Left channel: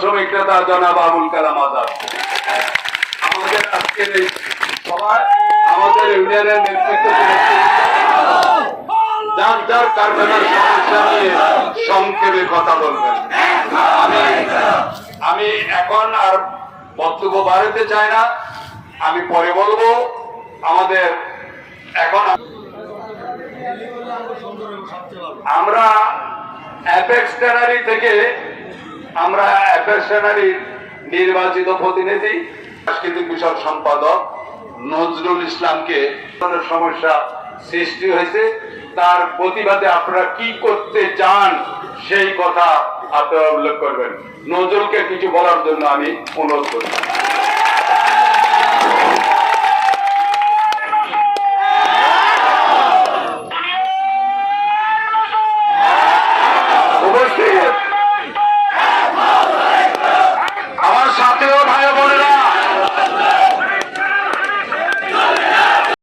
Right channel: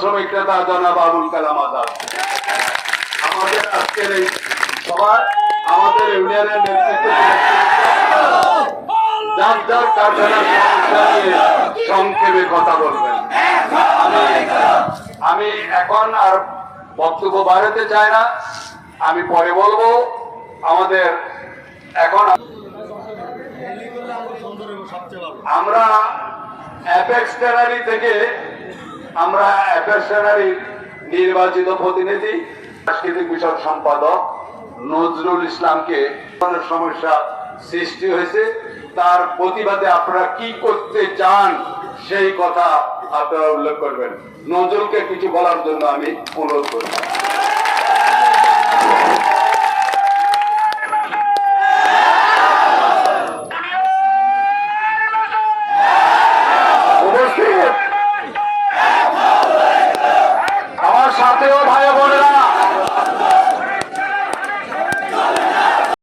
শ্রমিক নেতা জনাব আবুল কালাম আজাদ। আমাদের আজকের এই সভায় আমাদের ইউনিয়নের নেতৃত্ব যার যার সংক্ষেপে কথা বলবেন। আমি আমি এখন আর বক্তব্য বাড়াতে চাই না। আমি পরে বলব আমাদের এখন আমরা অ্যাপেক্স ট্যানারি থেকে আমরা ট্যানারি নির্বাচিত প্রতিনিধি, সাংস্কৃতিক বিষয়ক সম্পাদক নজরুল ইসলামকে সমস্যা সৃষ্টি হয়েছে। তার প্রতিবাদে আপনারা কি করতে চান সেই কথা আপনারা উল্লেখ করবেন। নজরুলকে কিছু বলার জন্য আমি অনুরোধ করি